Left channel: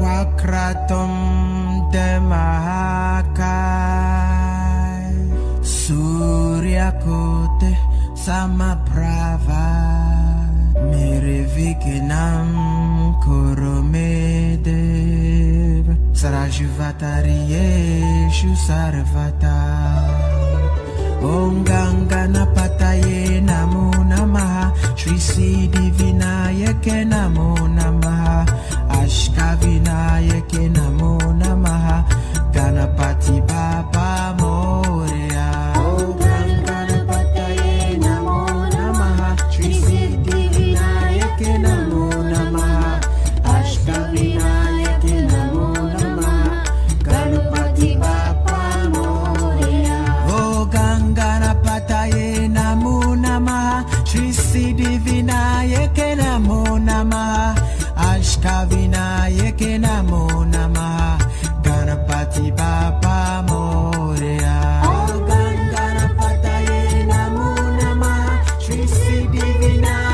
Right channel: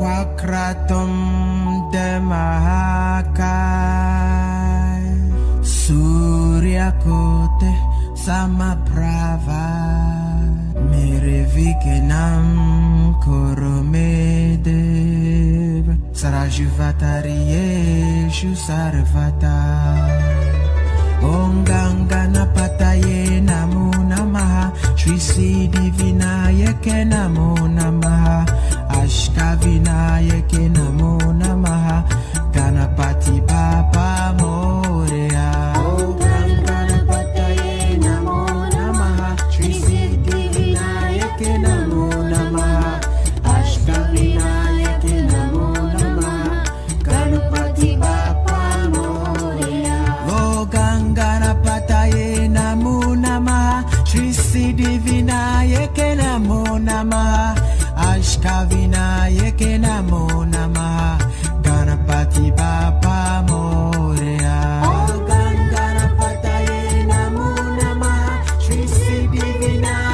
Wakratum Demahakai Surya Kote Samaprava Mirivikinam Koromedev Sarajuvatarieshu Sarvata Om Ganganapataye Namo Namaha Shri Siddhi Vinayake Namo Namaha Ashkavinayake Namo Namaha Ganapati Baba Moria Om Ganganapataye Namo Namaha Shri Siddhi Vinayake Namo Namaha Ashkavinayake Namo Namaha Ganapati Baba Moria Om Ganganapataye Namo Namaha Shri Siddhi Vinayake Namo Namaha Ashkavinayake Namo Namaha Ganapati Baba Moria Om Ganganapataye Namo Namaha Shri Siddhi Vinayake